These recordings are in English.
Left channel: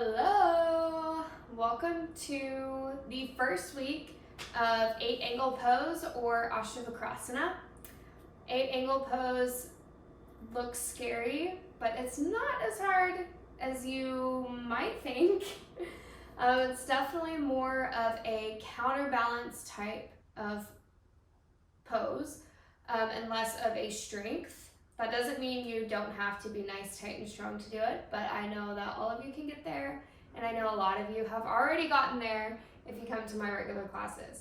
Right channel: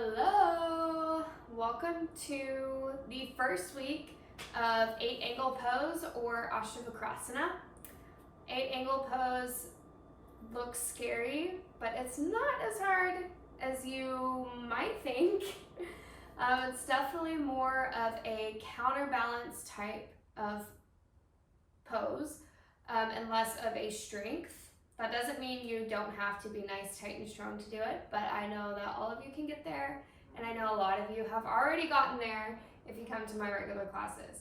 Hello! Welcome to the first week of 8-angle pose or Astavakrasana. 8-angle pose looks scary, but it's not as hard as you might think. It's definitely more of a counterbalance type of pose and less of a strength. That doesn't mean you don't have to be nice, tight, and strong to do it, but I know that all of you can get there, and I know a lot of you have already gotten there if you come to my regular classes.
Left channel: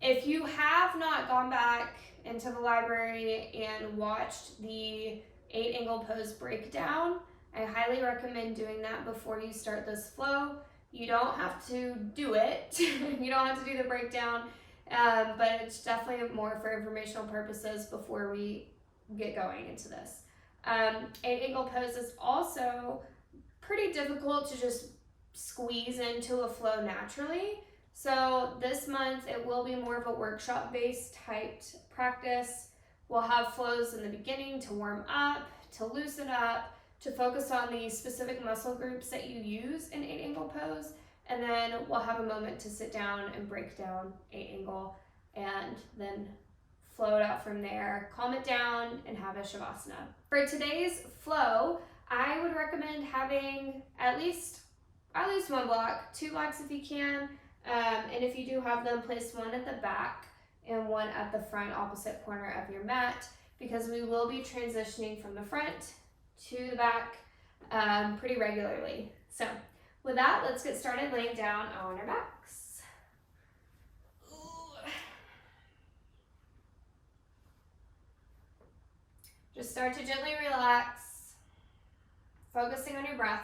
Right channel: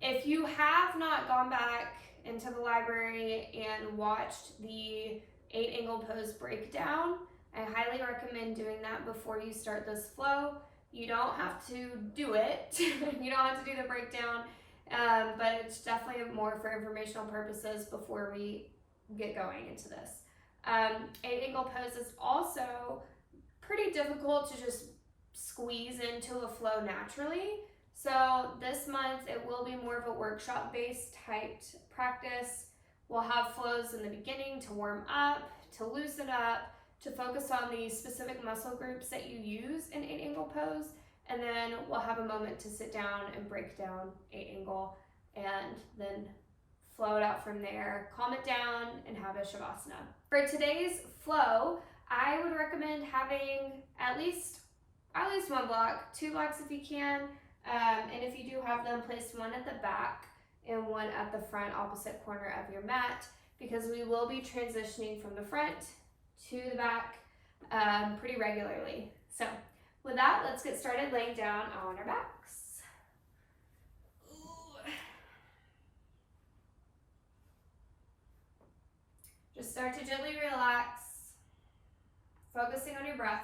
If you have not gone back into the library and watched the 8-angle pose breakdown, I highly recommend doing that before you start this flow. You don't have to do it. You don't have to do the breakdown, but it's definitely more for informational purposes before we get going into this. 8-angle pose is also pretty difficult to just squeeze into a flow naturally. So this month it will be more of a workshop based typed practice. We'll have flows in the beginning to warm up, to loosen up, to focus on the specific muscle groups that you use in 8-angle pose, and then we'll have a moment to sit down and break down 8-angle and then flow it out from there, calm it down, and have a shavasana. For today's flow, I would recommend having at least one block, 2 blocks if you can, and if you do have them, place one at the back and one at the front opposite corner of your mat, because we will be transitioning from the front to the back pretty regularly. So with that, let's get started laying down on our backs. Just start to gently relax, focusing on your breath.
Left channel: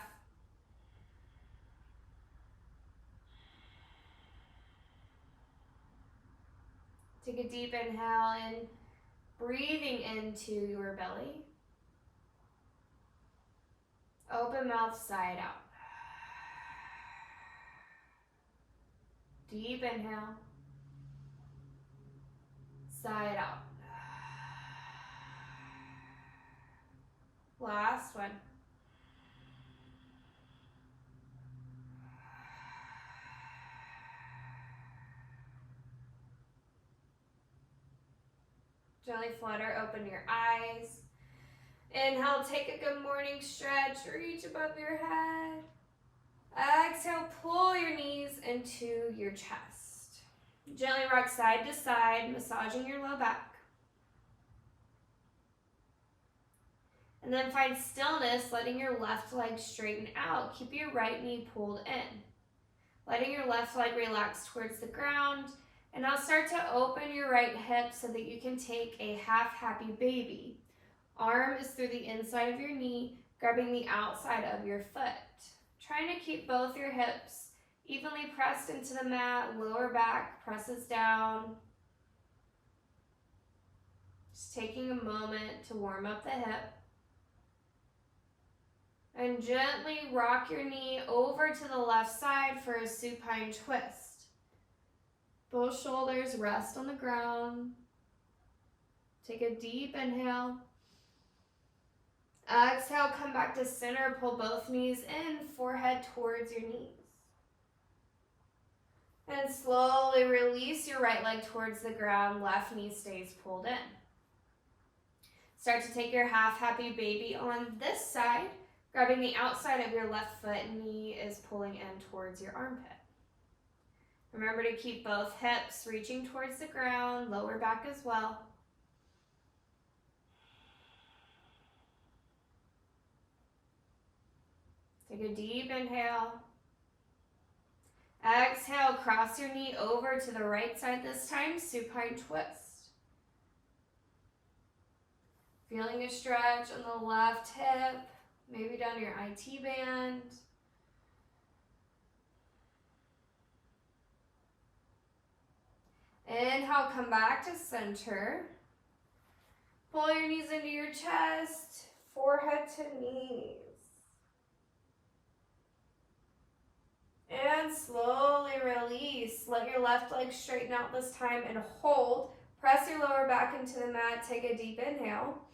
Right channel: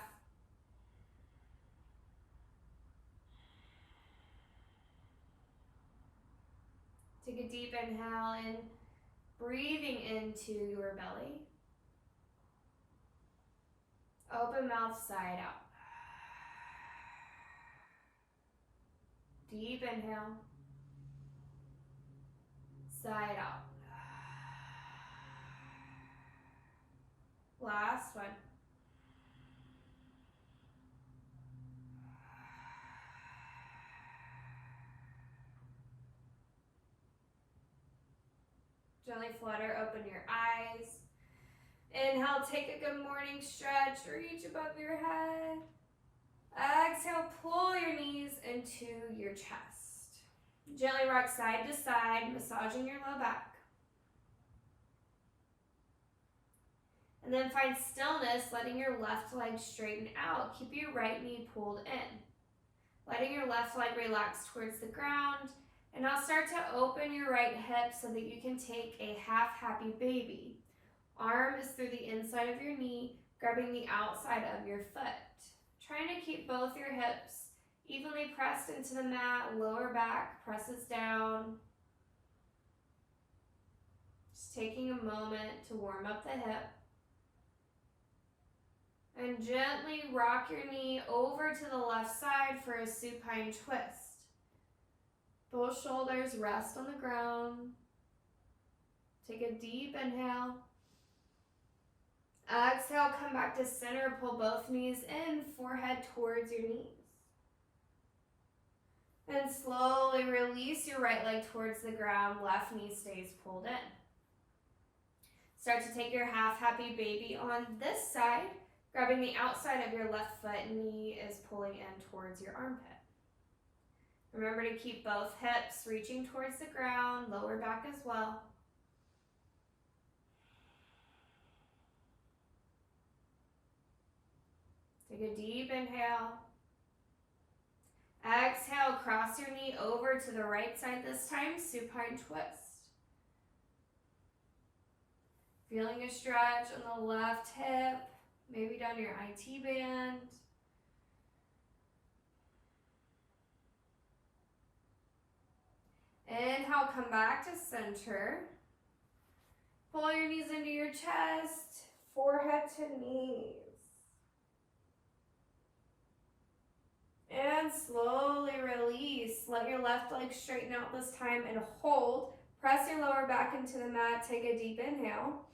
Take a deep inhale and breathing into your belly. Open mouth, side out. Deep inhale, side out. Last one. Gently flutter, open your eyes. Inhale, take a good morning stretch, reach above your head. Exhale, pull your knees into your chest. Gently rock side to side, massaging your low back. And then find stillness, letting your left leg straighten out. Keep your right knee pulled in. Letting your left leg relax towards the ground. And now start to open your right hip so that you can take a half happy baby. Arm is through the inside of your knee, grabbing the outside of your foot. Trying to keep both your hips evenly pressed into the mat, lower back presses down. Just taking a moment to warm up the hip. And gently rock your knee over to the left side for a supine twist. Both shoulders rest on the ground. Take a deep inhale. Exhale, come back to center, pull both knees in, forehead towards your knees. And slowly release your right leg towards the ground, left knee stays pulled in. Start to take your half happy baby on this side, grabbing the outside of your left foot, knee is pulling in towards your armpit. Remember to keep both hips reaching towards the ground, lower back as well. Take a deep inhale. Exhale, cross your knee over to the right side this time, supine twist. Feeling a stretch on the left hip, maybe down your IT band. Inhale, come back to center. Pull your knees into your chest, forehead to knees. And slowly release. Let your left leg straighten out this time and hold. Press your lower back into the mat. Take a deep inhale.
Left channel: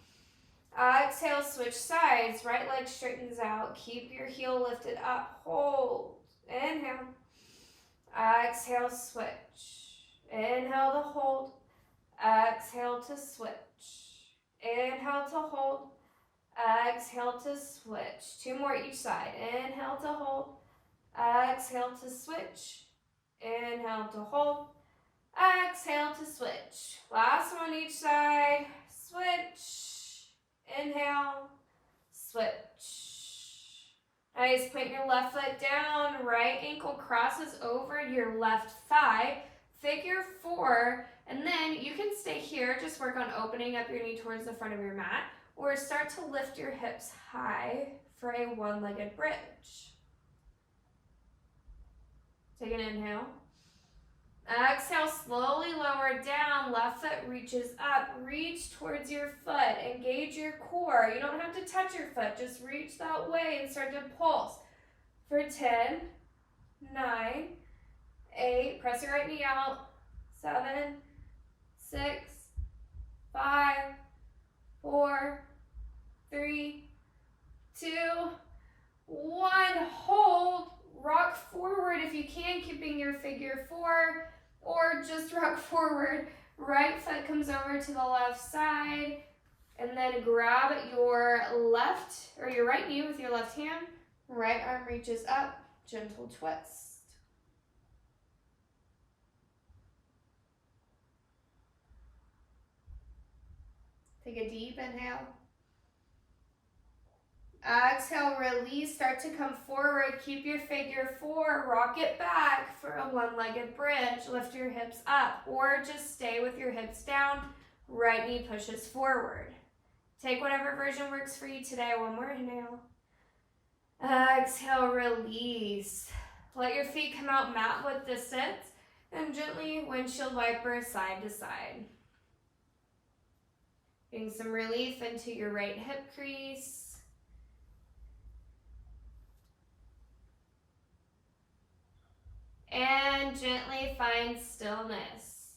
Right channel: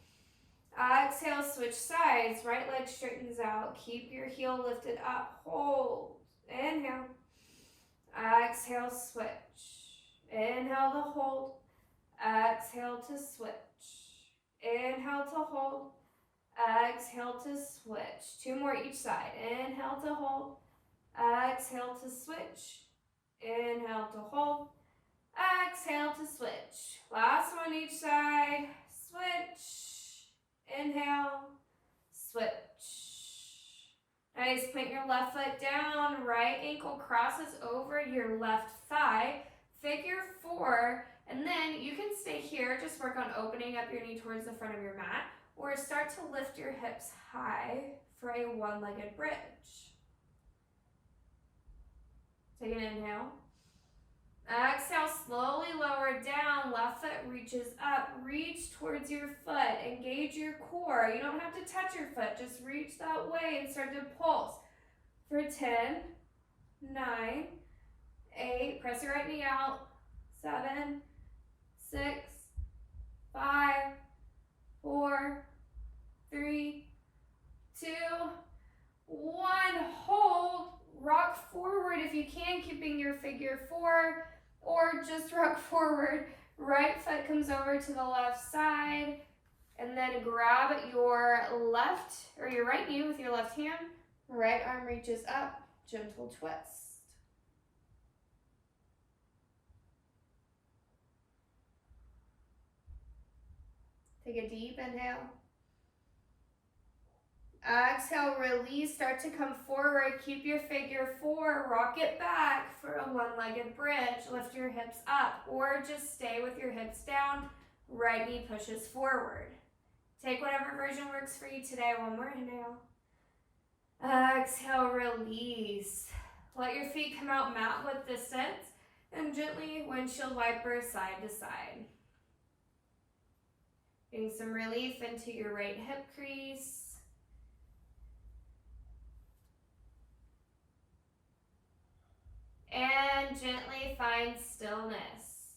Exhale, switch sides. Right leg straightens out. Keep your heel lifted up. Hold. Inhale. Exhale, switch. Inhale to hold. Exhale to switch. Inhale to hold. Exhale to switch. 2 more each side. Inhale to hold. Exhale to switch. Inhale to hold. Exhale to switch. Last one each side. Switch. Inhale. Switch. Nice. Plant your left foot down. Right ankle crosses over your left thigh. Figure 4. And then you can stay here. Just work on opening up your knee towards the front of your mat. Or start to lift your hips high for a one-legged bridge. Take an inhale. Exhale, slowly lower down. Left foot reaches up. Reach towards your foot. Engage your core. You don't have to touch your foot. Just reach that way and start to pulse. For 10, 9, 8. Press your right knee out. 7, 6, 5, 4, 3, 2, 1. Hold. Rock forward if you can, keeping your figure 4, or just rock forward. Right foot comes over to the left side, and then grab your left or your right knee with your left hand. Right arm reaches up, gentle twist. Take a deep inhale. Exhale, release, start to come forward. Keep your figure 4, rock it back for a one-legged bridge. Lift your hips up or just stay with your hips down. Right knee pushes forward. Take whatever version works for you today. One more inhale. Exhale, release. Let your feet come out mat width distance and gently windshield wiper side to side. Getting some relief into your right hip crease. And gently find stillness.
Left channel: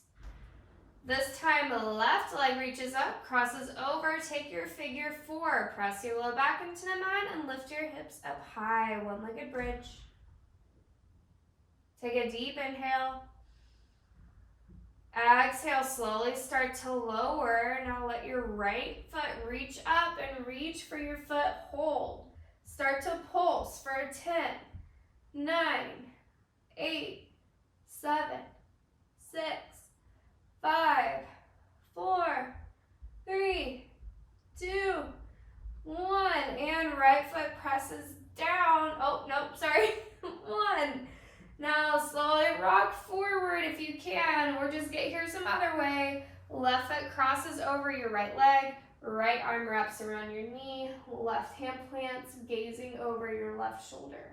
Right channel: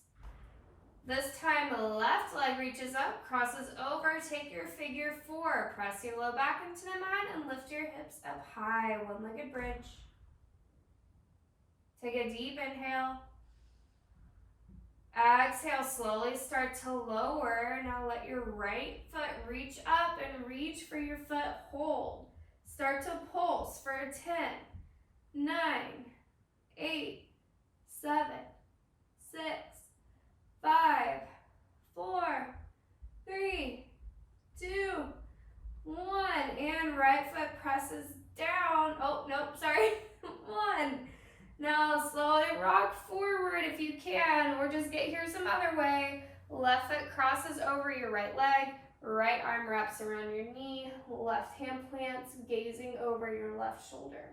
This time, left leg reaches up, crosses over, take your figure 4. Press your low back into the mat and lift your hips up high, one-legged bridge. Take a deep inhale. Exhale, slowly start to lower. Now let your right foot reach up and reach for your foot hold. Start to pulse for 10, 9, 8, 7, 6, 5, 4, 3, 2, 1. And right foot presses down. Oh, nope, sorry. 1. Now slowly rock forward if you can, or just get here some other way. Left foot crosses over your right leg. Right arm wraps around your knee. Left hand plants, gazing over your left shoulder.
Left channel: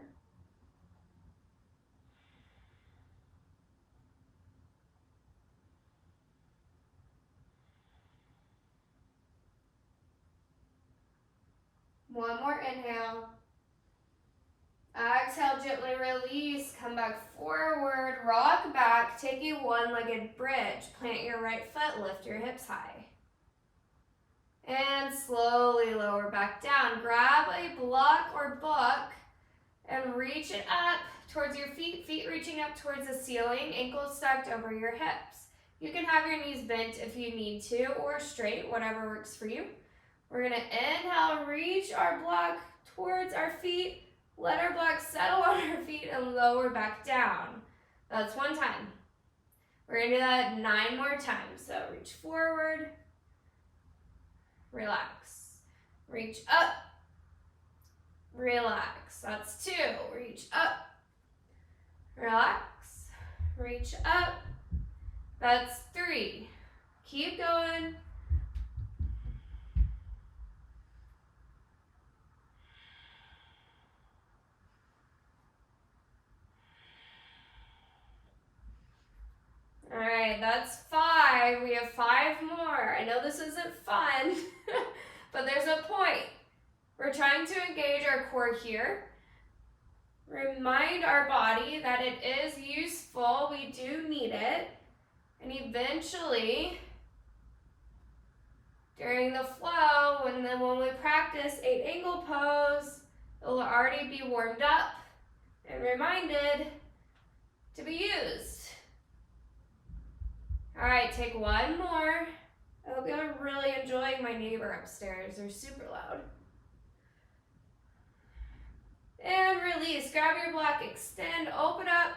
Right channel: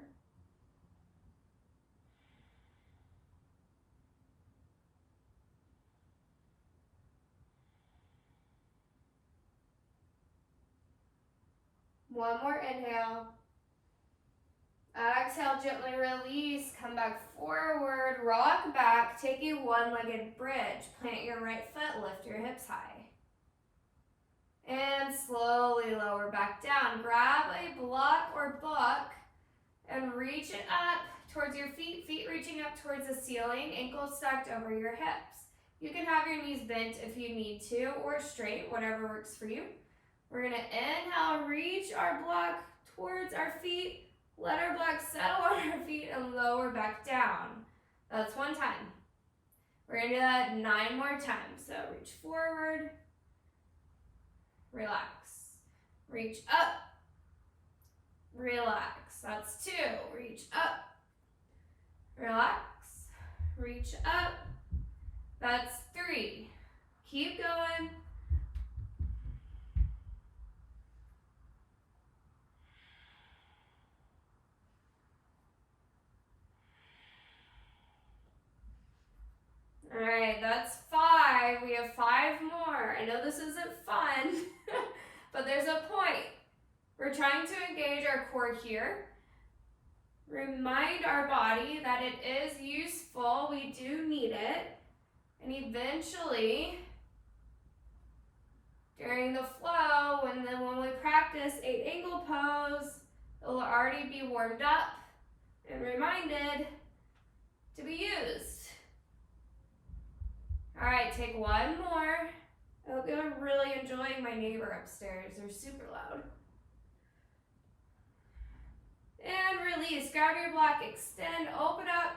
One more inhale. Exhale, gently release. Come back forward. Rock back. Take a one-legged bridge. Plant your right foot. Lift your hips high. And slowly lower back down. Grab a block or book and reach it up towards your feet. Feet reaching up towards the ceiling. Ankles stacked over your hips. You can have your knees bent if you need to, or straight, whatever works for you. We're going to inhale, reach our block towards our feet. Let our block settle on our feet and lower back down. That's 1 time. We're going to do that 9 more times. So reach forward, relax. Reach up, relax. That's 2. Reach up, relax. Reach up. That's 3. Keep going. All right, that's 5. We have 5 more. I know this isn't fun, but there's a point. We're trying to engage our core here. Remind our body that it is useful. We do need it. And eventually, during the flow, and then when we practice 8 angle pose, it'll already be warmed up and reminded to be used. All right, take one more. I hope you're really enjoying my neighbor upstairs. They're super loud. And release. Grab your block, extend, open up,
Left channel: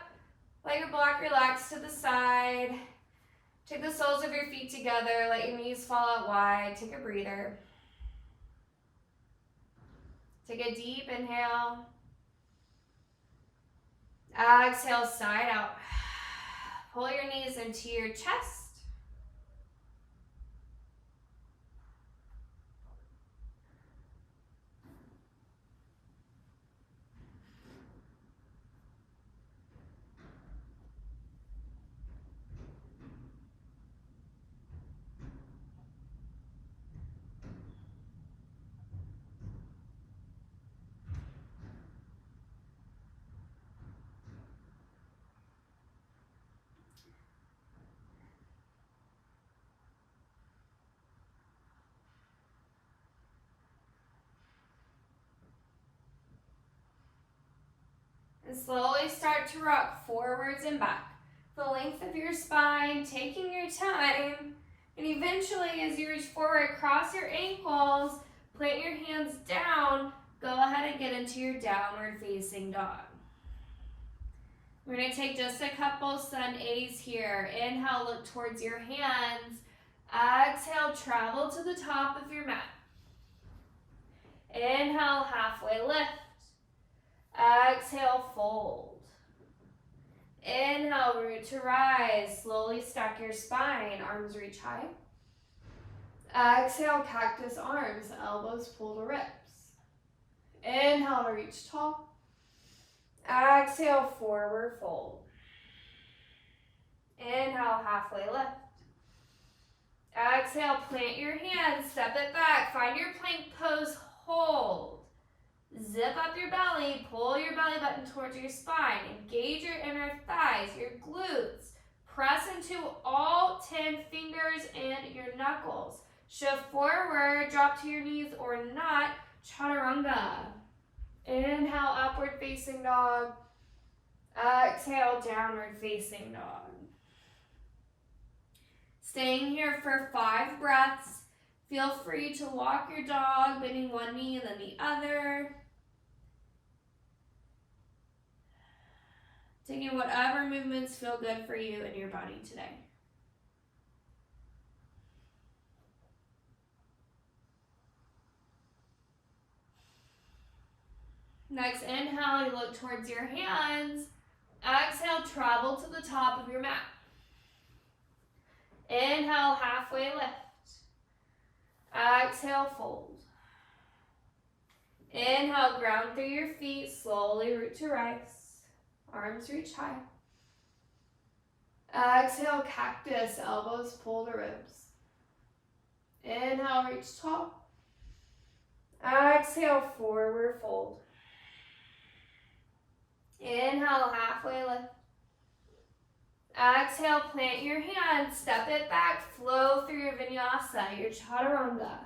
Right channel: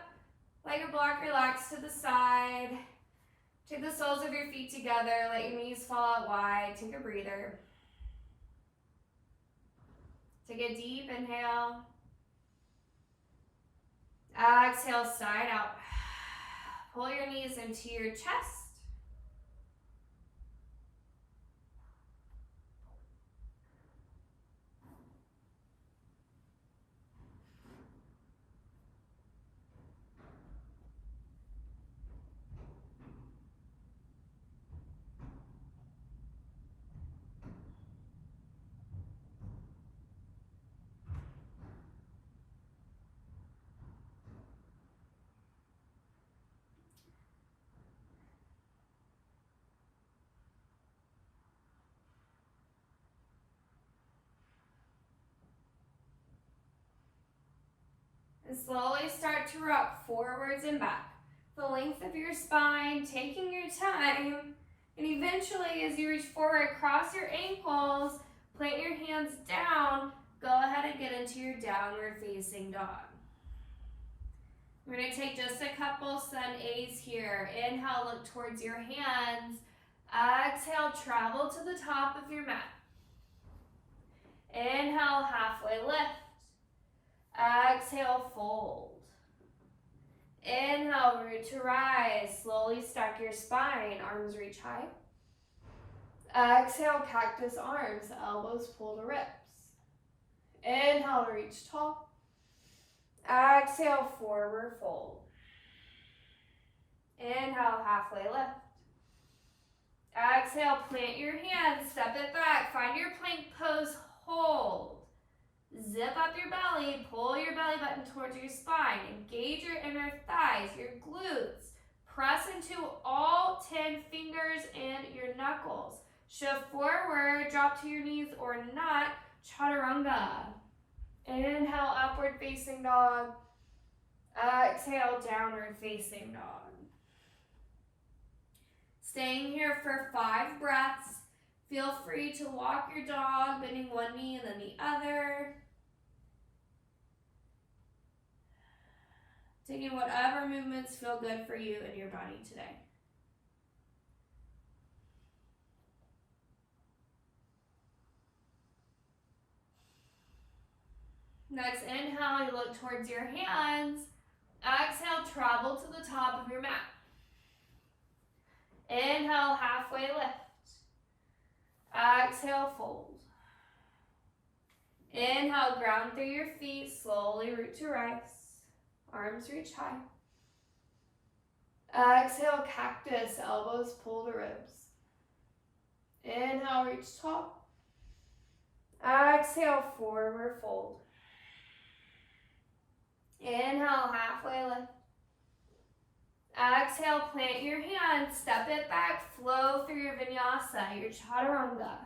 let your block relax to the side. Take the soles of your feet together, let your knees fall out wide. Take a breather. Take a deep inhale. Exhale, side out. Pull your knees into your chest. And slowly start to rock forwards and back. The length of your spine, taking your time, and eventually as you reach forward, cross your ankles, plant your hands down, go ahead and get into your downward facing dog. We're going to take just a couple sun A's here. Inhale, look towards your hands. Exhale, travel to the top of your mat. Inhale, halfway lift. Exhale, fold. Inhale, root to rise. Slowly stack your spine, arms reach high. Exhale, cactus arms, elbows pull to ribs. Inhale, reach tall. Exhale, forward fold. Inhale, halfway lift. Exhale, plant your hands, step it back, find your plank pose, hold. Zip up your belly, pull your belly button towards your spine, engage your inner thighs, your glutes. Press into all 10 fingers and your knuckles. Shift forward, drop to your knees or not, chaturanga. Inhale, upward facing dog. Exhale, downward facing dog. Staying here for 5 breaths. Feel free to walk your dog, bending one knee and then the other. Taking whatever movements feel good for you and your body today. Next, inhale, you look towards your hands. Exhale, travel to the top of your mat. Inhale, halfway lift. Exhale, fold. Inhale, ground through your feet, slowly root to rise. Arms reach high. Exhale, cactus, elbows pull to ribs. Inhale, reach tall. Exhale, forward fold. Inhale, halfway lift. Exhale, plant your hands, step it back, flow through your vinyasa, your chaturanga.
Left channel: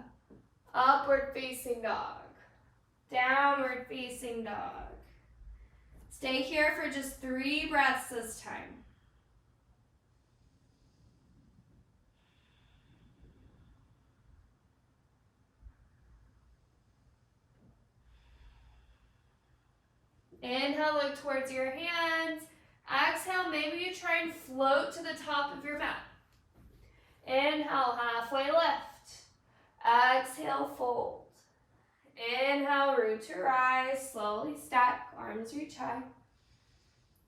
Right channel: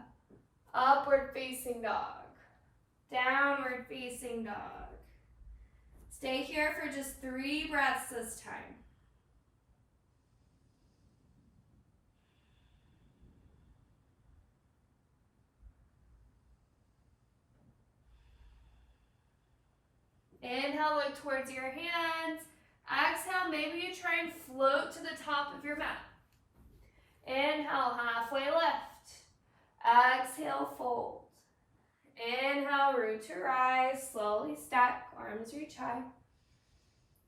Upward facing dog. Downward facing dog. Stay here for just 3 breaths this time. Inhale, look towards your hands. Exhale, maybe you try and float to the top of your mat. Inhale, halfway lift. Exhale, fold. Inhale, root to rise, slowly stack, arms reach high.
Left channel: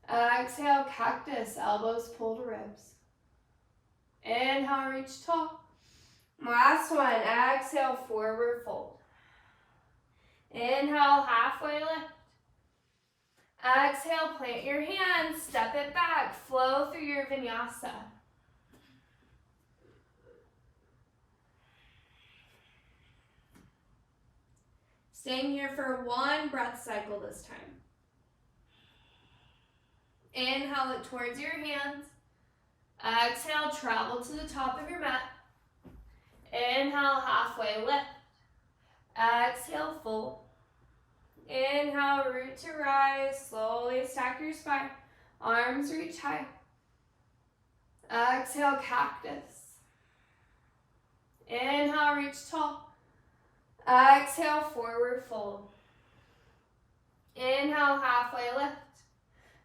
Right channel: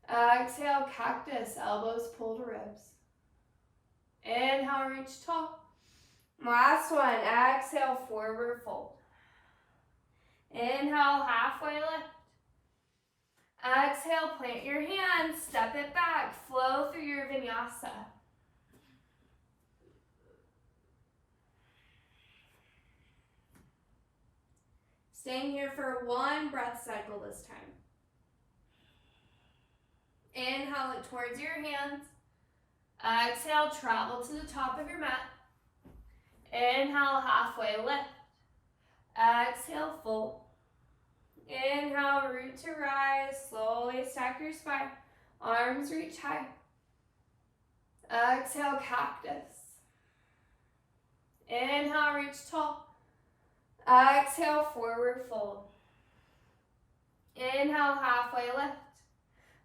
Exhale, cactus, elbows pull to ribs. Inhale, reach tall. Last one, exhale, forward fold. Inhale, halfway lift. Exhale, plant your hands, step it back, flow through your vinyasa. Staying here for 1 breath cycle this time. Inhale, look towards your hands. Exhale, travel to the top of your mat. Inhale, halfway lift. Exhale, fold. Inhale, root to rise. Slowly stack your spine. Arms reach high. Exhale, cactus. Inhale, reach tall. Exhale, forward fold. Inhale, halfway lift.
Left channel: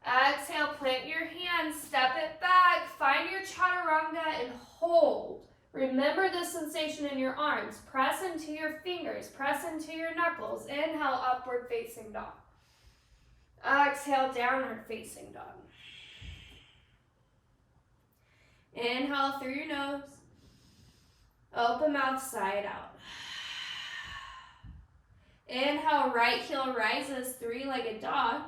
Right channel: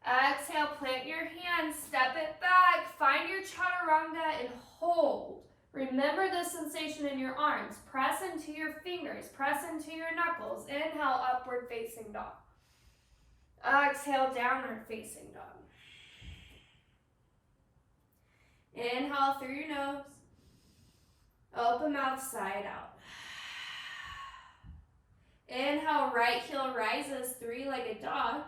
Exhale, plant your hands, step it back, find your chaturanga and hold. Remember the sensation in your arms. Press into your fingers, press into your knuckles. Inhale, upward facing dog. Exhale, downward facing dog. Inhale through your nose. Open mouth, side out. Inhale, right heel rises, three-legged dog.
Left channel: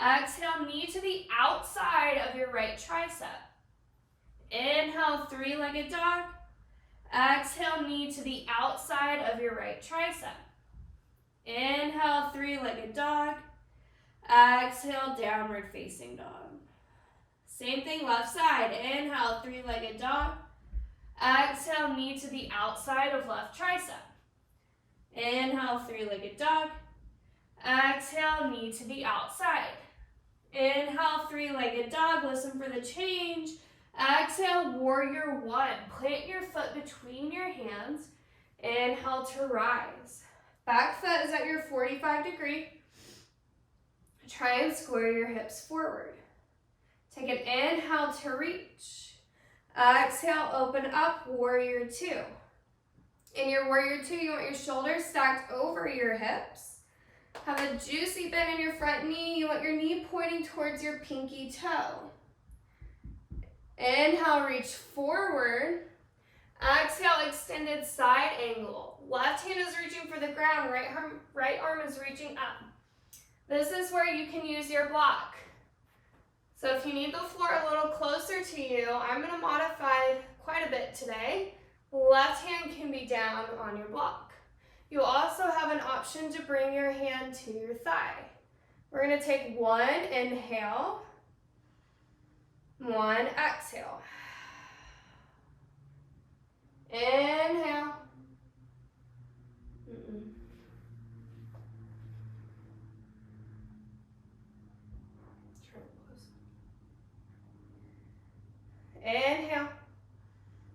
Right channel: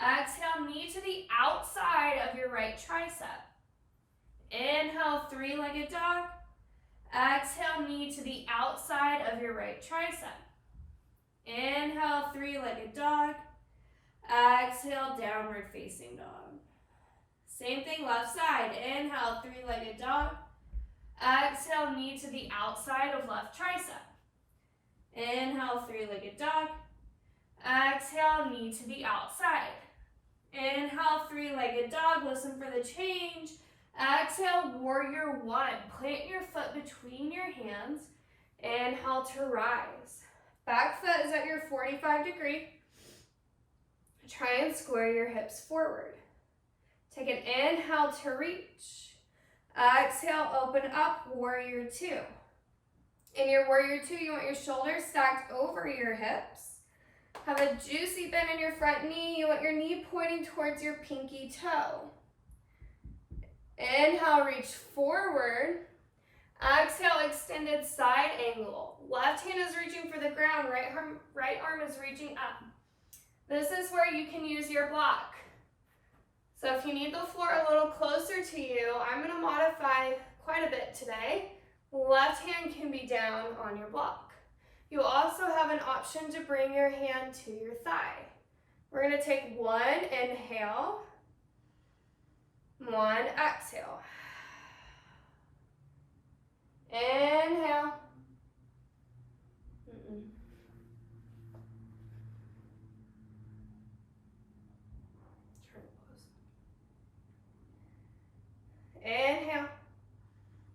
Exhale, knee to the outside of your right tricep. Inhale, three-legged dog. Exhale, knee to the outside of your right tricep. Inhale, three-legged dog. Exhale, downward facing dog. Same thing, left side. Inhale, three-legged dog. Exhale, knee to the outside of left tricep. Inhale, three-legged dog. Exhale, knee to the outside. Inhale, three-legged dog. Listen for the change. Exhale, warrior one. Plant your foot between your hands. Inhale to rise. Back foot is at your 45 degree. Try and square your hips forward. Take an inhale to reach. Exhale, open up, warrior two. In your warrior two, you want your shoulders stacked over your hips. Have a juicy bend in your front knee. You want your knee pointing towards your pinky toe. Inhale, reach forward. Exhale, extended side angle. Left hand is reaching for the ground, right arm is reaching up. This is where you can use your block. So if you need the floor a little closer to you, I'm going to modify quite a bit today. Left hand can be down on your block. You also have an option to bring your hand to your thigh. We're going to take one inhale, one exhale. Inhale. Inhale.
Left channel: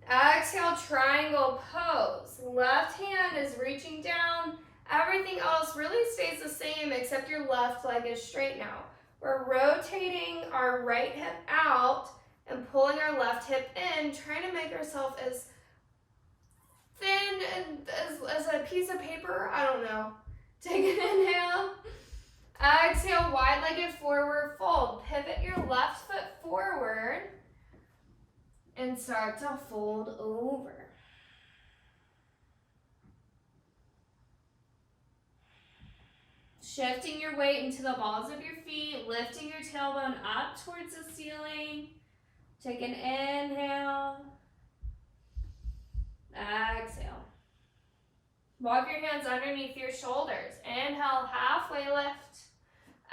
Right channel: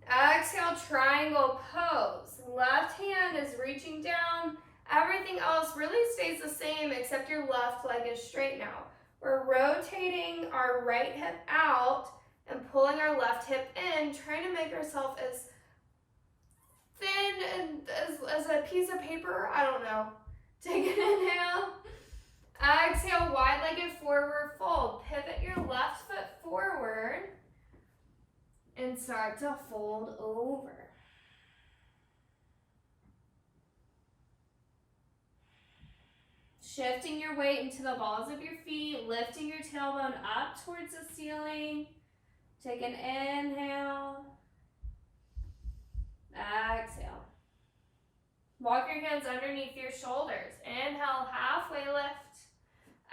Exhale, triangle pose. Left hand is reaching down. Everything else really stays the same except your left leg is straight now. We're rotating our right hip out and pulling our left hip in, trying to make ourselves as thin and as a piece of paper. I don't know. Take an inhale. Exhale, wide-legged forward fold. Pivot your left foot forward and start to fold over. Shifting your weight into the balls of your feet, lifting your tailbone up towards the ceiling. Take an inhale. Exhale. Walk your hands underneath your shoulders. Inhale, halfway lift.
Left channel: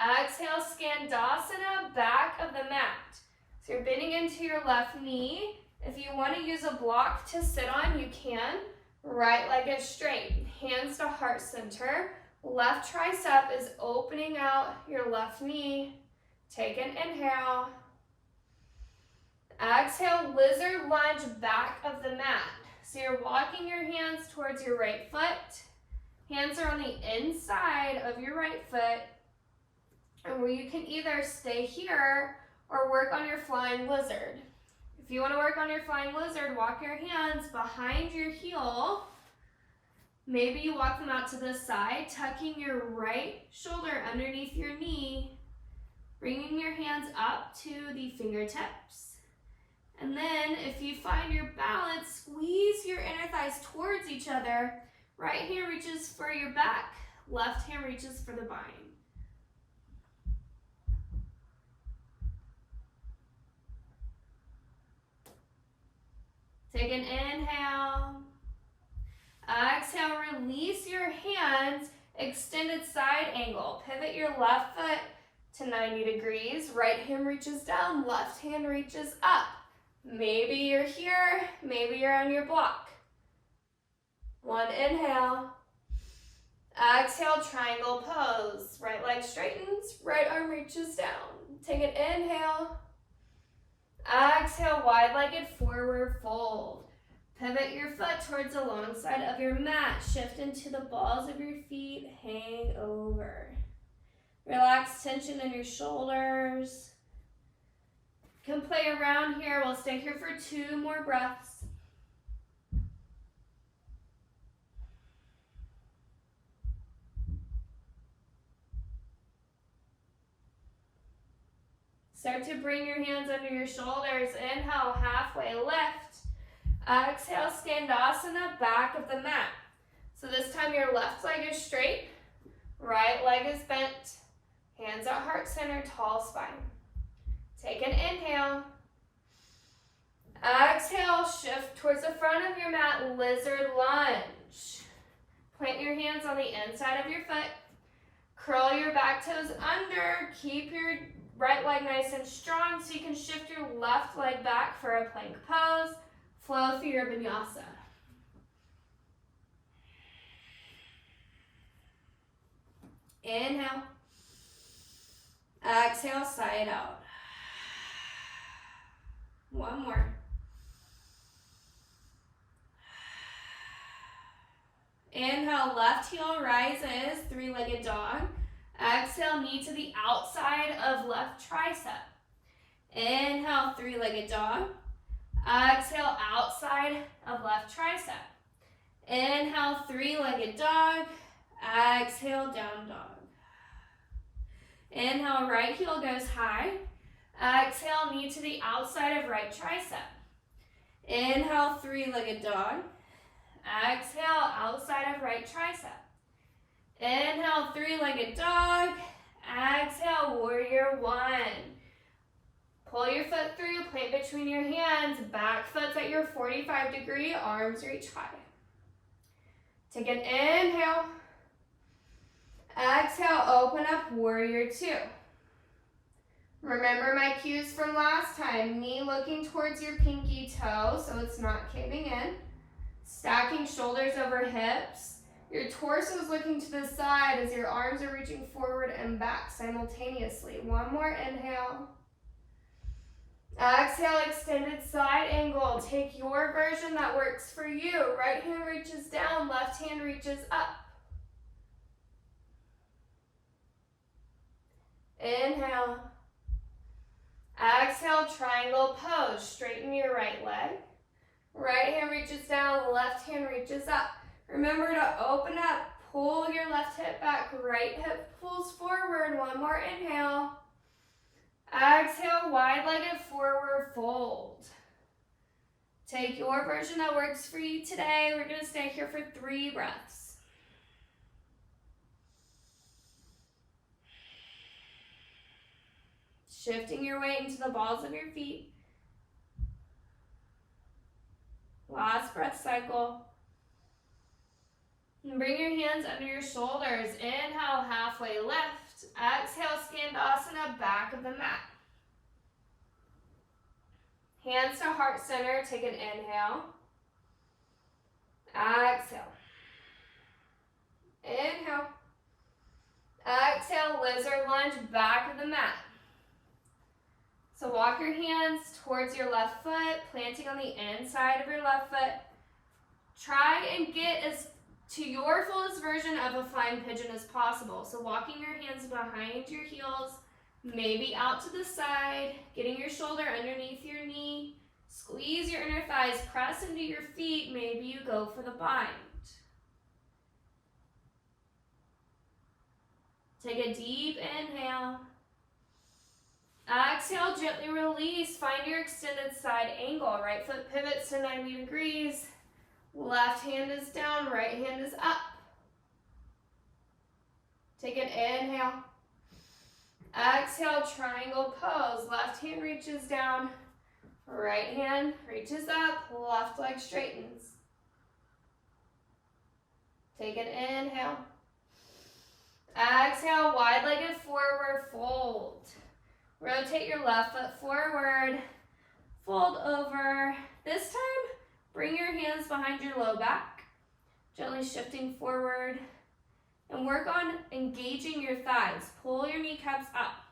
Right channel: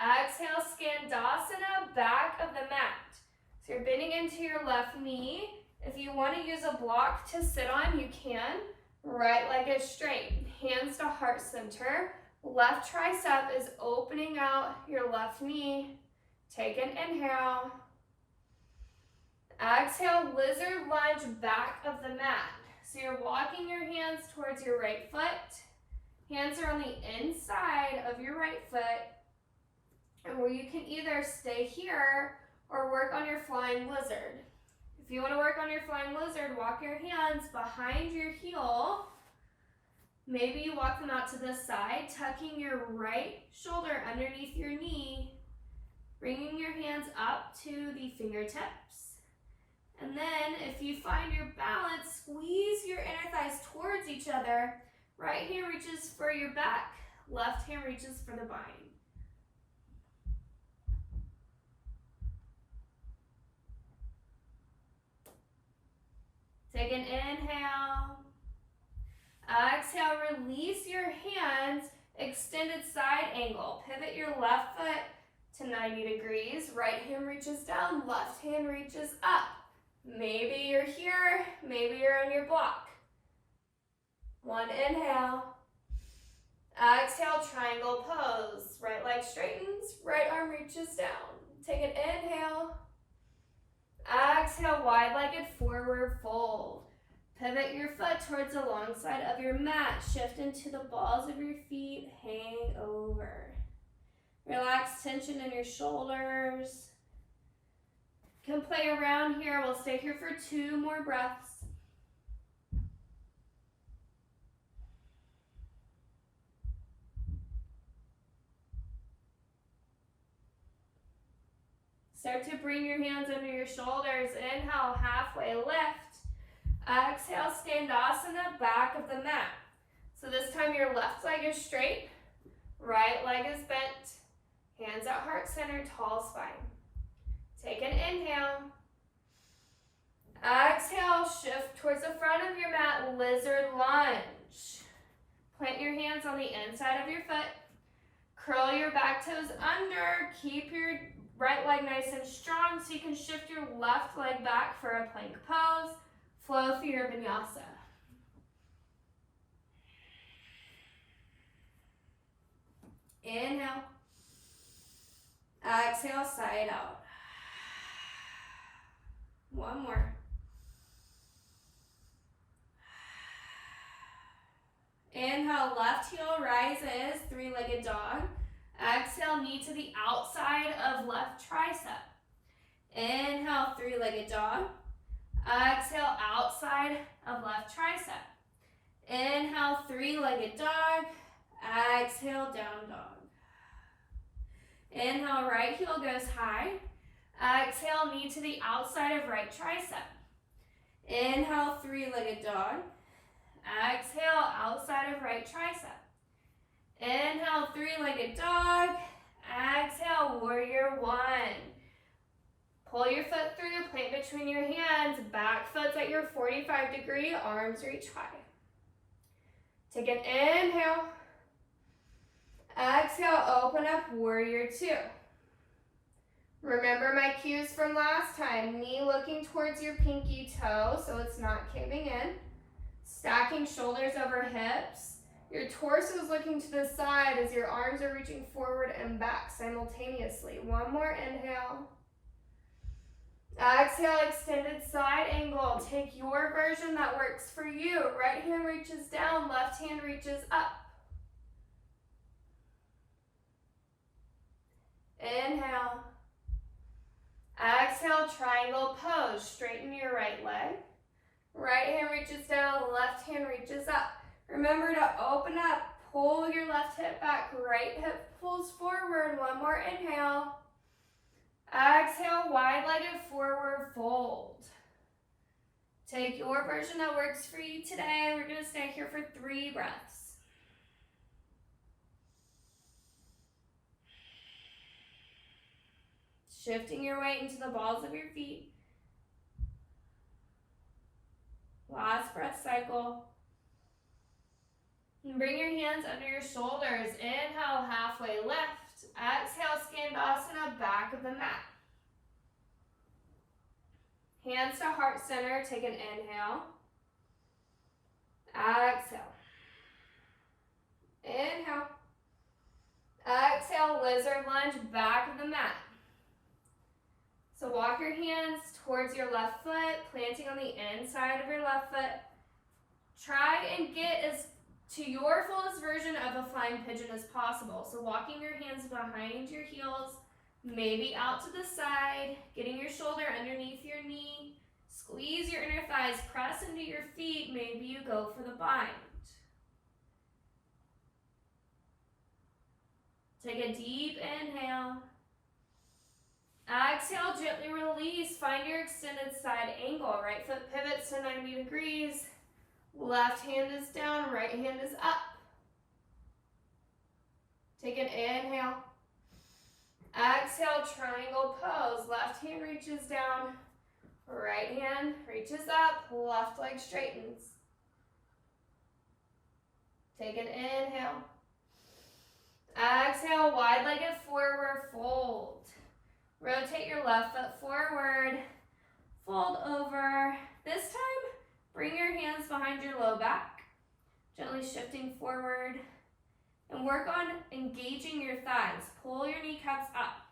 Exhale, Skandasana, back of the mat. So you're bending into your left knee. If you want to use a block to sit on, you can. Right leg is straight. Hands to heart center. Left tricep is opening out your left knee. Take an inhale. Exhale, lizard lunge, back of the mat. So you're walking your hands towards your right foot. Hands are on the inside of your right foot. And where you can either stay here or work on your flying lizard. If you want to work on your flying lizard, walk your hands behind your heel. Maybe you walk them out to the side, tucking your right shoulder underneath your knee, bringing your hands up to the fingertips. And then if you find your balance, squeeze your inner thighs towards each other. Right hand reaches for your back, left hand reaches for the bind. Take an inhale. Exhale, release your hands, extended side angle. Pivot your left foot to 90 degrees. Right hand reaches down, left hand reaches up. Maybe you're here, maybe you're on your block. One inhale. Exhale, triangle pose. Right leg straightens, right arm reaches down. Take an inhale. Exhale, wide-legged forward fold. Pivot your foot towards the long side of your mat. Shift into the balls of your feet. Hang over. Relax tension in your shoulders. You can play around here. We'll stay here for 2 more breaths. Start to bring your hands under your shoulders. Inhale, halfway lift. Exhale, Skandasana, back of the mat. So this time your left leg is straight, right leg is bent, hands at heart center, tall spine. Take an inhale. Exhale, shift towards the front of your mat, lizard lunge. Plant your hands on the inside of your foot. Curl your back toes under. Keep your right leg nice and strong so you can shift your left leg back for a plank pose. Flow through your vinyasa. Inhale. Exhale, side out. One more. Inhale, left heel rises, 3-legged dog. Exhale, knee to the outside of left tricep. Inhale, 3-legged dog. Exhale, outside of left tricep. Inhale, 3-legged dog. Exhale, down dog. Inhale, right heel goes high. Exhale, knee to the outside of right tricep. Inhale, 3-legged dog. Exhale, outside of right tricep. Inhale, 3-legged dog. Exhale, warrior one. Pull your foot through, plant between your hands. Back foot's at your 45-degree, arms reach high. Take an inhale. Exhale, open up, warrior two. Remember my cues from last time. Knee looking towards your pinky toe so it's not caving in. Stacking shoulders over hips. Your torso is looking to the side as your arms are reaching forward and back simultaneously. One more inhale. Exhale, extended side angle. Take your version that works for you. Right hand reaches down, left hand reaches up. Inhale. Exhale, triangle pose. Straighten your right leg. Right hand reaches down, left hand reaches up. Remember to open up, pull your left hip back, right hip pulls forward. One more inhale. Exhale, wide-legged forward fold. Take your version that works for you today. We're going to stay here for 3 breaths. Shifting your weight into the balls of your feet. Last breath cycle. And bring your hands under your shoulders. Inhale, halfway lift. Exhale, Skandasana, back of the mat. Hands to heart center. Take an inhale. Exhale. Inhale. Exhale, lizard lunge, back of the mat. So walk your hands towards your left foot, planting on the inside of your left foot. Try and get as to your fullest version of a flying pigeon as possible. So walking your hands behind your heels, maybe out to the side, getting your shoulder underneath your knee. Squeeze your inner thighs, press into your feet. Maybe you go for the bind. Take a deep inhale. Exhale, gently release. Find your extended side angle. Right foot pivots to 90 degrees. Left hand is down, right hand is up. Take an inhale. Exhale, triangle pose. Left hand reaches down, right hand reaches up, left leg straightens. Take an inhale. Exhale, wide-legged forward fold. Rotate your left foot forward, fold over. This time, bring your hands behind your low back. Gently shifting forward. And work on engaging your thighs. Pull your kneecaps up.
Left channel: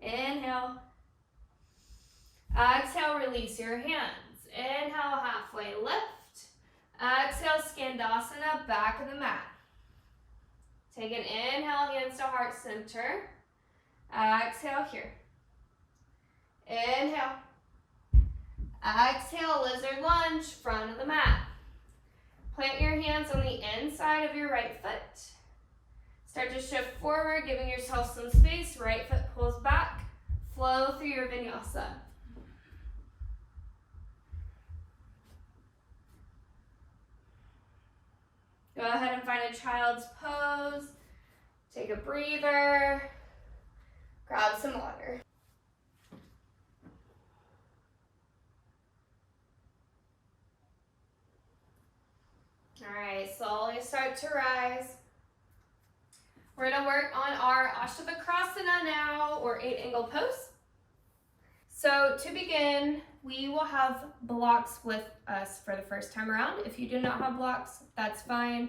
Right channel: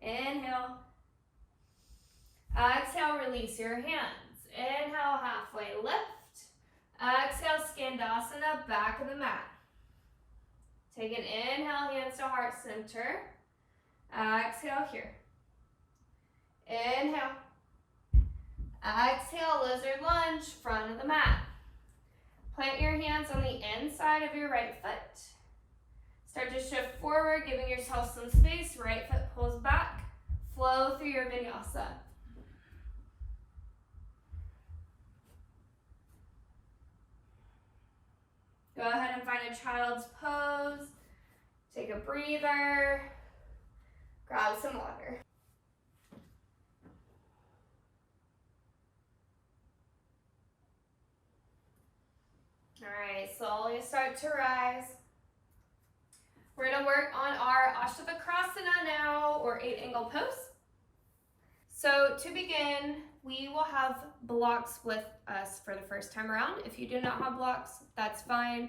Inhale. Exhale, release your hands. Inhale, halfway lift. Exhale, Skandasana, back of the mat. Take an inhale, hands to heart center. Exhale here. Inhale. Exhale, lizard lunge, front of the mat. Plant your hands on the inside of your right foot. Start to shift forward, giving yourself some space. Right foot pulls back. Flow through your vinyasa. Go ahead and find a child's pose. Take a breather. Grab some water. All right, slowly start to rise. We're gonna work on our Astavakrasana now, or 8-angle pose. So to begin, we will have blocks with us for the first time around. If you do not have blocks, that's fine.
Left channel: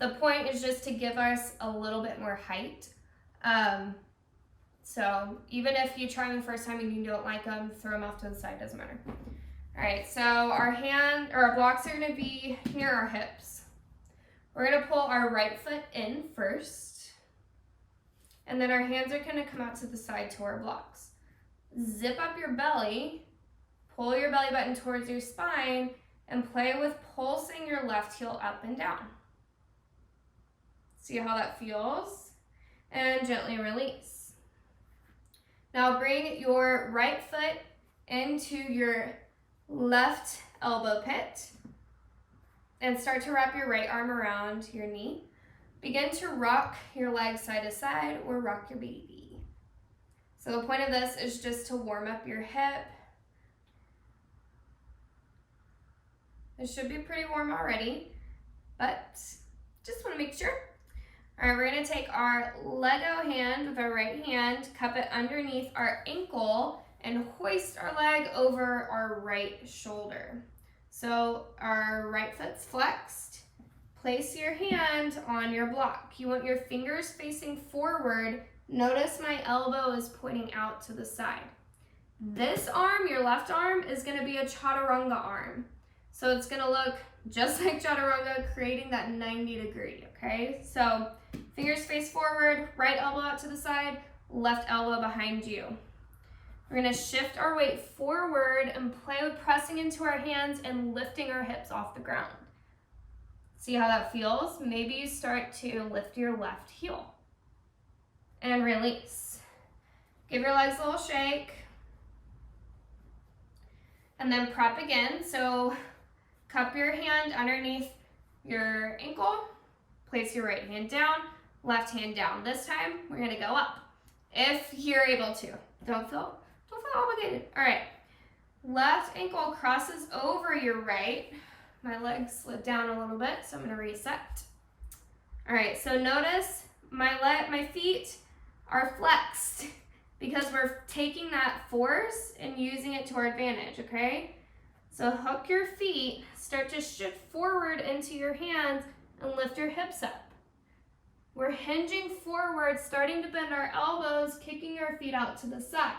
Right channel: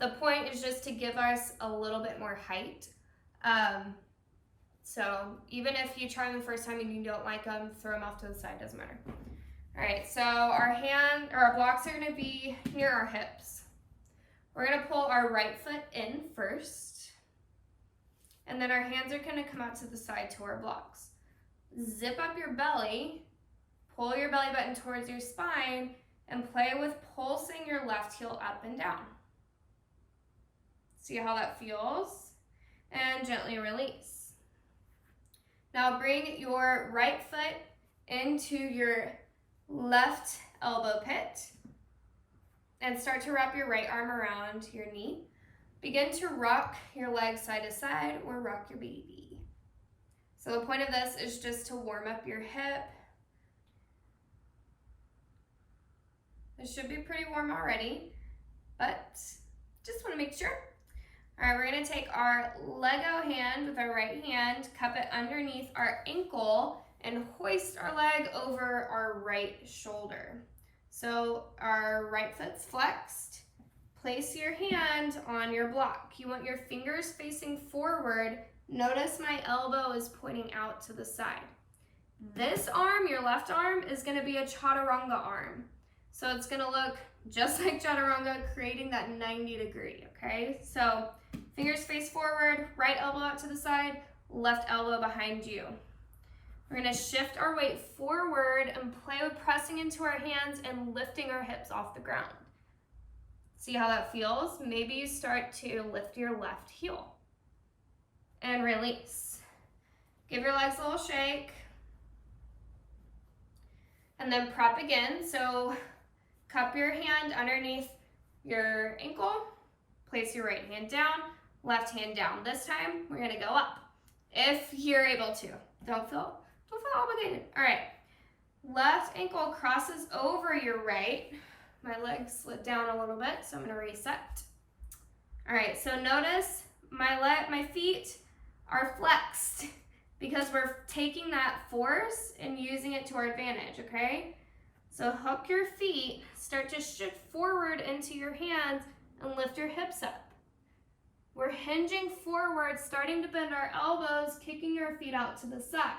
The point is just to give us a little bit more height. So even if you try them the first time and you don't like them, throw them off to the side, doesn't matter. All right, so our blocks are gonna be near our hips. We're gonna pull our right foot in first, and then our hands are gonna come out to the side to our blocks. Zip up your belly, pull your belly button towards your spine, and play with pulsing your left heel up and down. See how that feels? And gently release. Now bring your right foot into your left elbow pit and start to wrap your right arm around your knee. Begin to rock your legs side to side or rock your baby. So the point of this is just to warm up your hip. It should be pretty warm already, but just want to make sure. All right, we're going to take our Lego hand with our right hand, cup it underneath our ankle, and hoist our leg over our right shoulder. So our right foot's flexed. Place your hand on your block. You want your fingers facing forward. Notice my elbow is pointing out to the side. This arm, your left arm, is going to be a chaturanga arm. So it's going to look just like chaturanga, creating that 90 degree, okay? So fingers face forward, right elbow out to the side, left elbow behind you. We're going to shift our weight forward and play with pressing into our hands and lifting our hips off the ground. See how that feels? Maybe you start to lift your left heel. And release. Give your legs a little shake. And then prep again. So cup your hand underneath your ankle. Place your right hand down, left hand down. This time, we're going to go up. If you're able to. Don't feel obligated. All right. Left ankle crosses over your right. My leg slid down a little bit, so I'm going to reset. All right, so notice my feet are flexed because we're taking that force and using it to our advantage, okay? So hook your feet, start to shift forward into your hands, and lift your hips up. We're hinging forward, starting to bend our elbows, kicking our feet out to the side.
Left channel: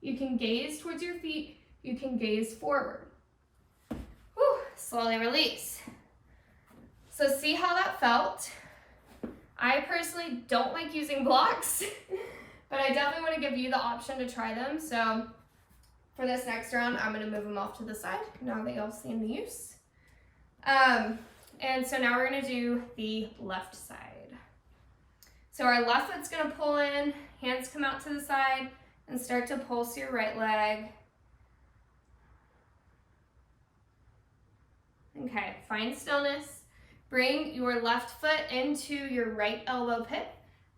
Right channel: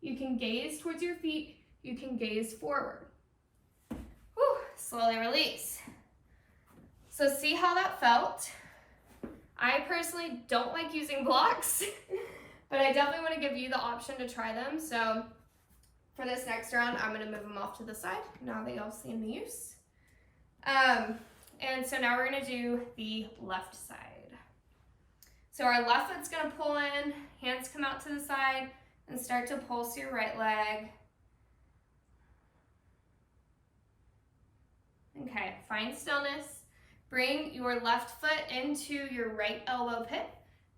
You can gaze towards your feet, you can gaze forward. Whew, slowly release. So see how that felt? I personally don't like using blocks, but I definitely want to give you the option to try them. So for this next round, I'm going to move them off to the side now that y'all seen the use. And so now we're going to do the left side. So our left foot's going to pull in, hands come out to the side, and start to pulse your right leg. Okay, find stillness. Bring your left foot into your right elbow pit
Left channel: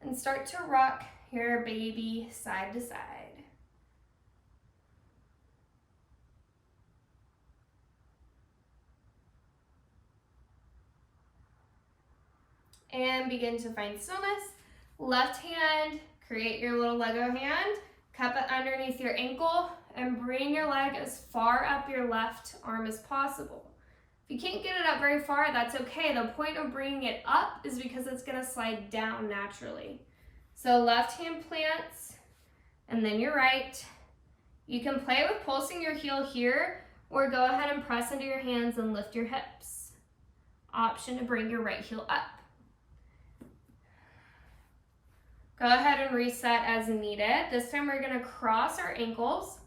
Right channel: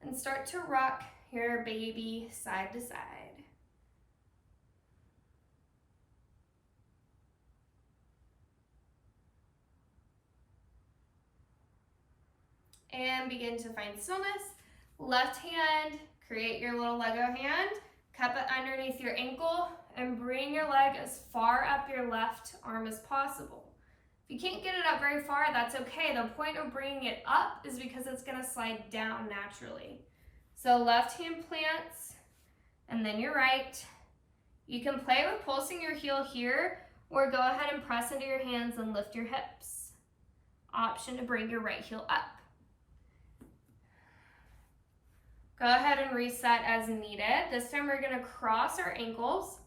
and start to rock your baby side to side. And begin to find stillness. Left hand, create your little Lego hand, cup it underneath your ankle, and bring your leg as far up your left arm as possible. If you can't get it up very far, that's okay. The point of bringing it up is because it's gonna slide down naturally. So left hand plants, and then your right. You can play with pulsing your heel here, or go ahead and press into your hands and lift your hips. Option to bring your right heel up. Go ahead and reset as needed. This time we're gonna cross our ankles,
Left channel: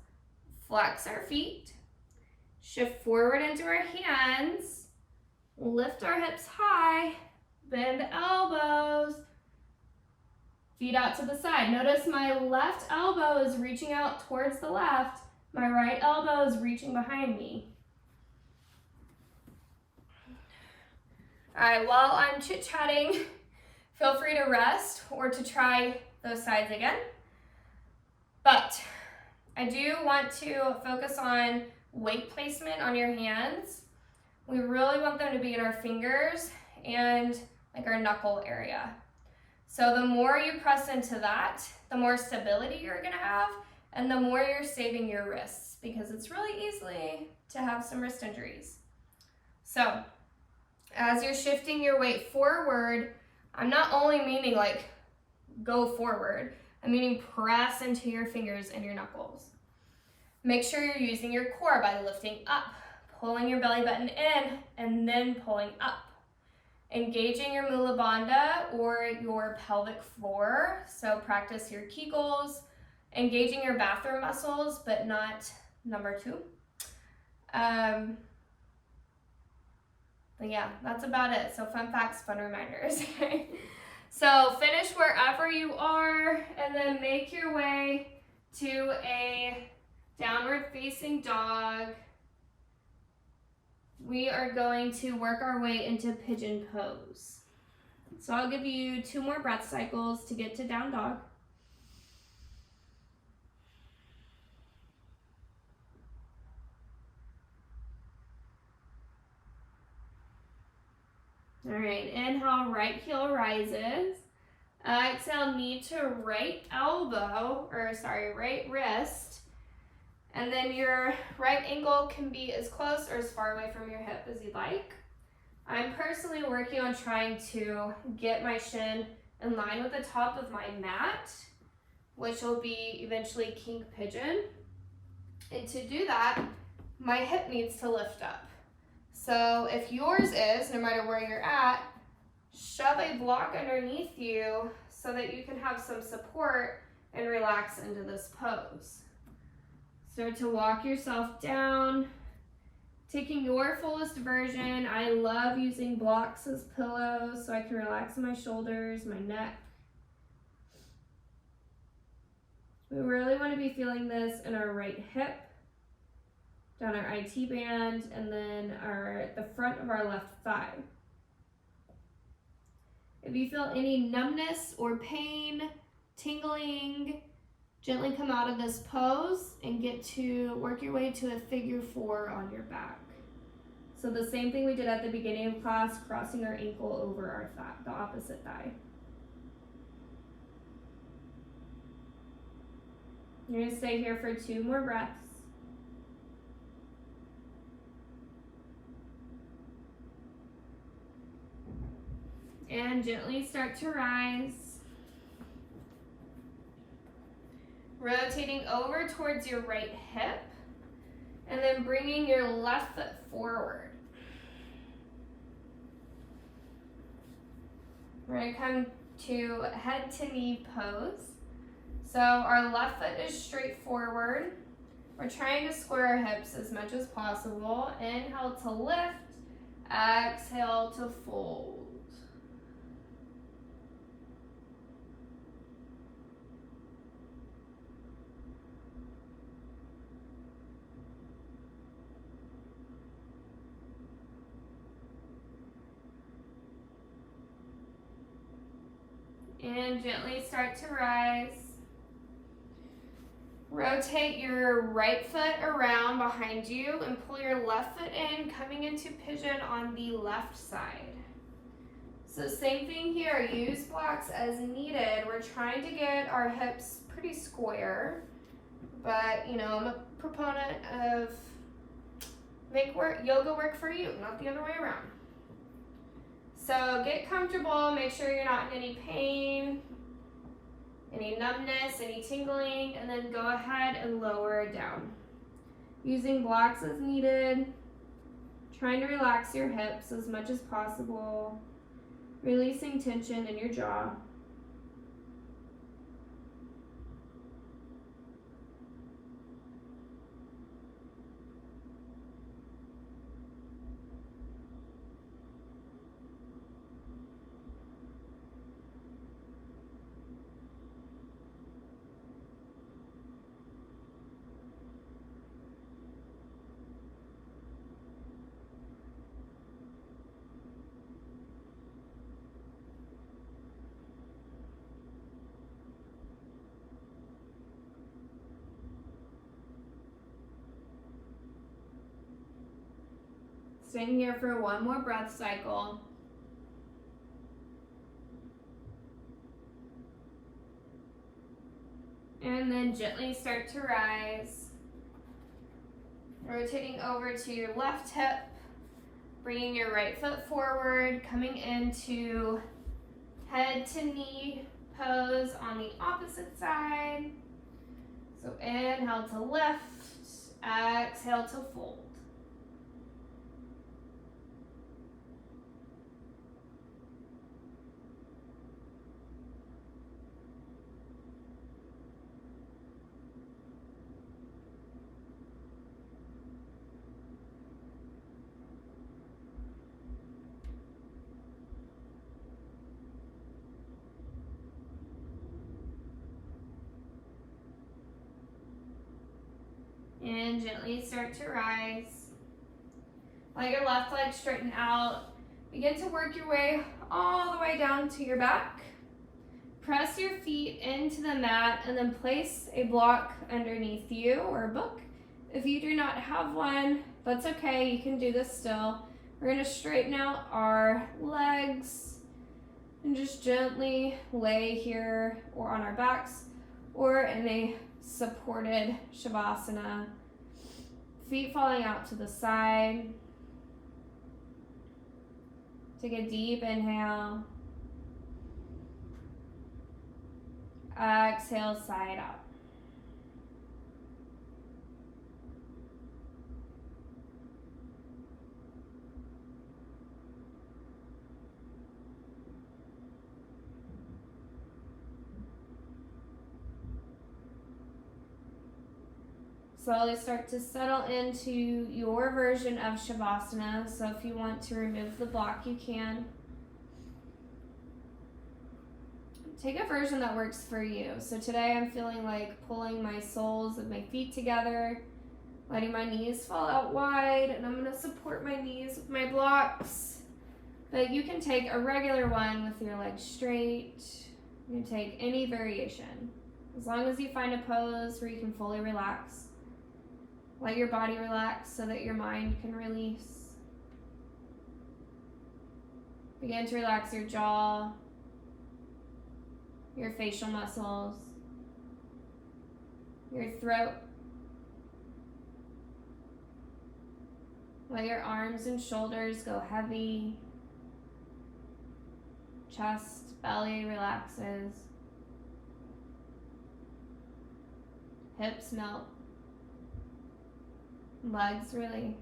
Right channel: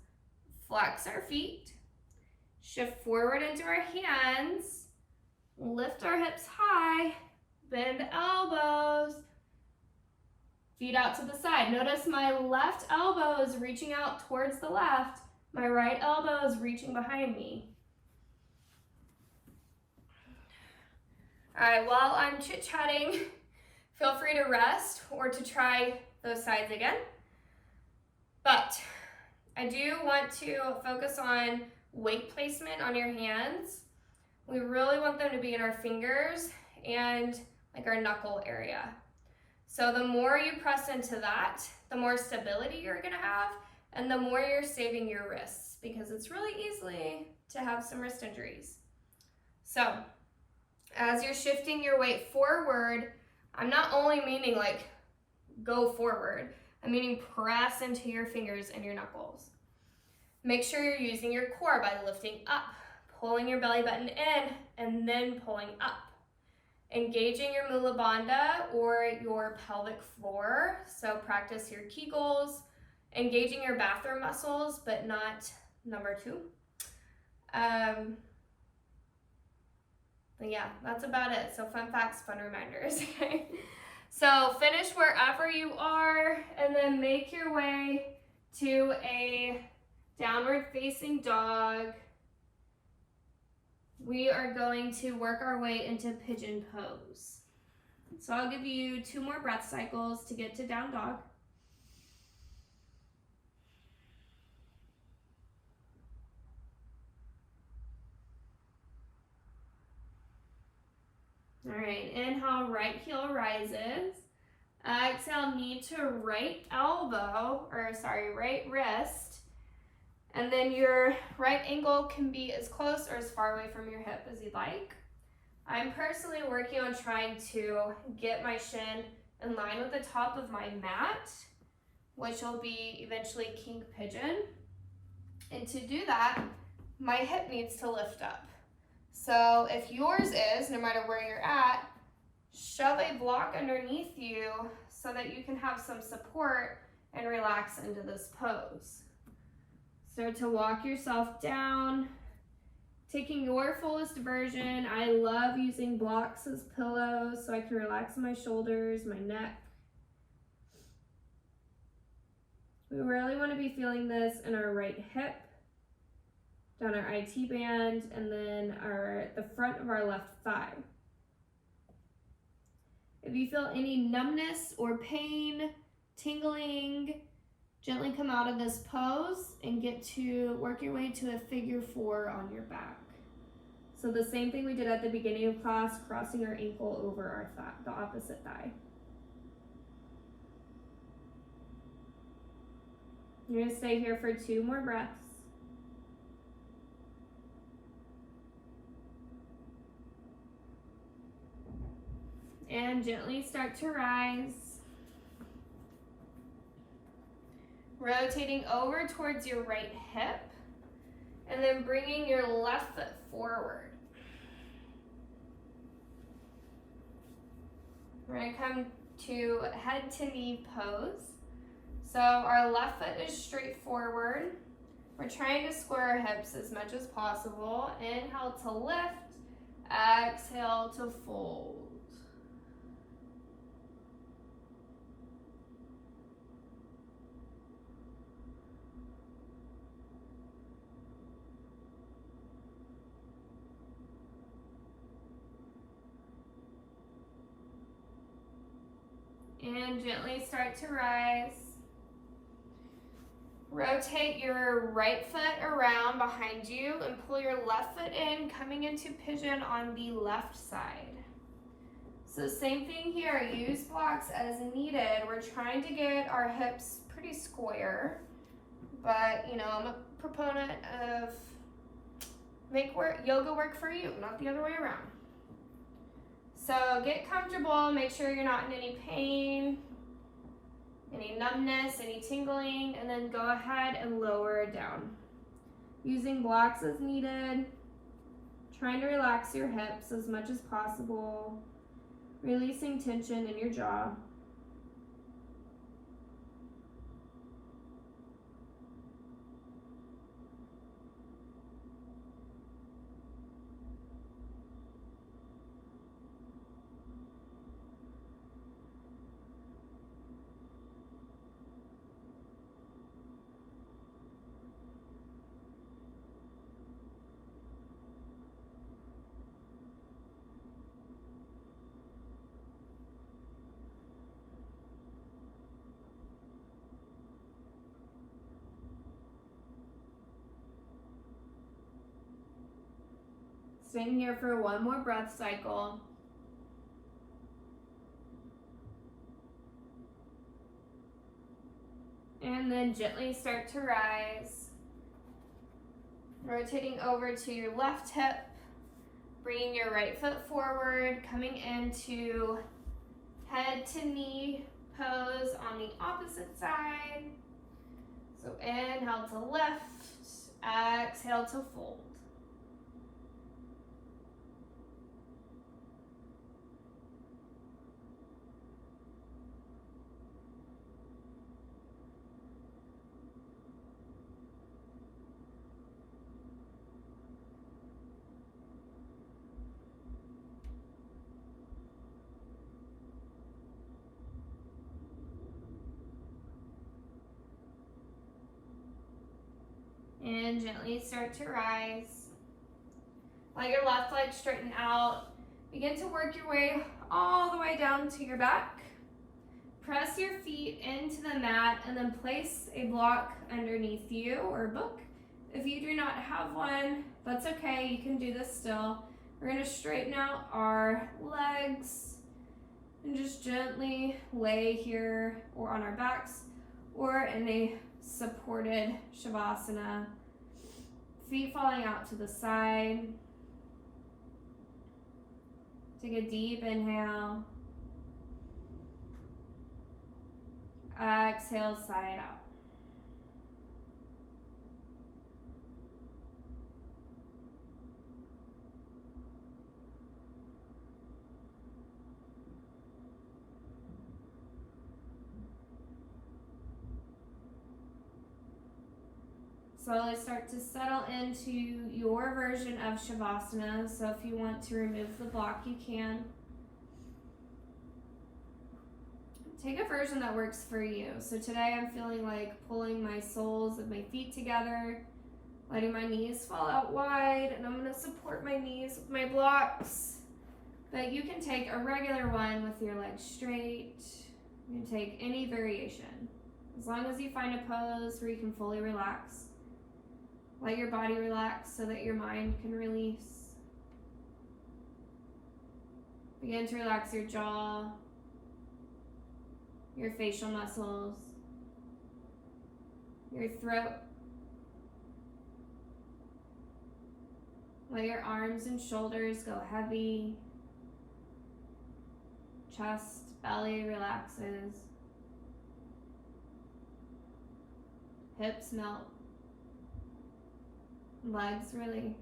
flex our feet, shift forward into our hands, lift our hips high, bend elbows, feet out to the side. Notice my left elbow is reaching out towards the left, my right elbow is reaching behind me. All right, while I'm chit-chatting, feel free to rest or to try those sides again. But I do want to focus on weight placement on your hands. We really want them to be in our fingers and like our knuckle area. So the more you press into that, the more stability you're gonna have, and the more you're saving your wrists, because it's really easy to have some wrist injuries. So as you're shifting your weight forward, I'm not only meaning like go forward, I'm meaning press into your fingers and your knuckles. Make sure you're using your core by lifting up, pulling your belly button in, and then pulling up. Engaging your mula bandha or your pelvic floor, so practice your Kegels, engaging your bathroom muscles, but not number 2. But yeah, that's about it. So fun facts, fun reminders. So finish wherever you are, and then make your way to a downward facing dog. We are going to work our way into pigeon pose. So I'll give you 2 more breath cycles to get to down dog. All right, inhale, right heel rises. Exhale, knee to right wrist. And then your right ankle can be as close or as far away from your hip as you'd like. I'm personally working on trying to get my shin in line with the top of my mat, which will be eventually king pigeon. And to do that, my hip needs to lift up. So if yours is, no matter where you're at, shove a block underneath you so that you can have some support and relax into this pose. Start to walk yourself down, taking your fullest version. I love using blocks as pillows so I can relax my shoulders, my neck. We really want to be feeling this in our right hip, down our IT band, and then the front of our left thigh. If you feel any numbness or pain, tingling, gently come out of this pose and get to work your way to a figure 4 on your back. So the same thing we did at the beginning of class, crossing our ankle over our thigh, the opposite thigh. You're gonna stay here for 2 more breaths. And gently start to rise. Rotating over towards your right hip, and then bringing your left foot forward. We're gonna come to head to knee pose. So our left foot is straight forward. We're trying to square our hips as much as possible. Inhale to lift, exhale to fold. And gently start to rise. Rotate your right foot around behind you and pull your left foot in, coming into pigeon on the left side. So same thing here, use blocks as needed. We're trying to get our hips pretty square, but you know, I'm a proponent of Make yoga work for you, not the other way around. So get comfortable, make sure you're not in any pain, any numbness, any tingling, and then go ahead and lower it down. Using blocks as needed, trying to relax your hips as much as possible, releasing tension in your jaw. Staying here for one more breath cycle. And then gently start to rise. Rotating over to your left hip, bringing your right foot forward, coming into head to knee pose on the opposite side. So inhale to lift, exhale to fold. And gently start to rise. Let your left leg straighten out. Begin to work your way all the way down to your back. Press your feet into the mat and then place a block underneath you or a book. If you do not have one, that's okay, you can do this still. We're gonna straighten out our legs and just gently lay here or on our backs or in a supported Shavasana. Feet falling out to the side. Take a deep inhale. Exhale, side out. Slowly start to settle into your version of Shavasana. So if you want to remove the block, you can. Take a version that works for you. So today I'm feeling like pulling my soles of my feet together, letting my knees fall out wide, and I'm gonna support my knees with my blocks. But you can take a regular one with your legs straight. You can take any variation. As long as you find a pose where you can fully relax. Let your body relax so that your mind can release. Begin to relax your jaw, your facial muscles, your throat. Let your arms and shoulders go heavy. Chest, belly relaxes. Hips melt. Legs release.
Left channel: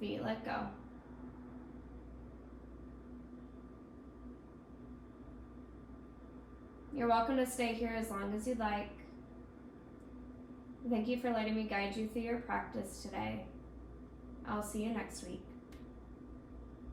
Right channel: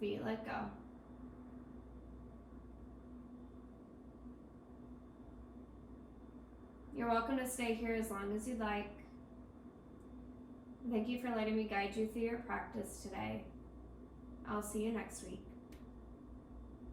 Feet let go. You're welcome to stay here as long as you'd like. Thank you for letting me guide you through your practice today. I'll see you next week.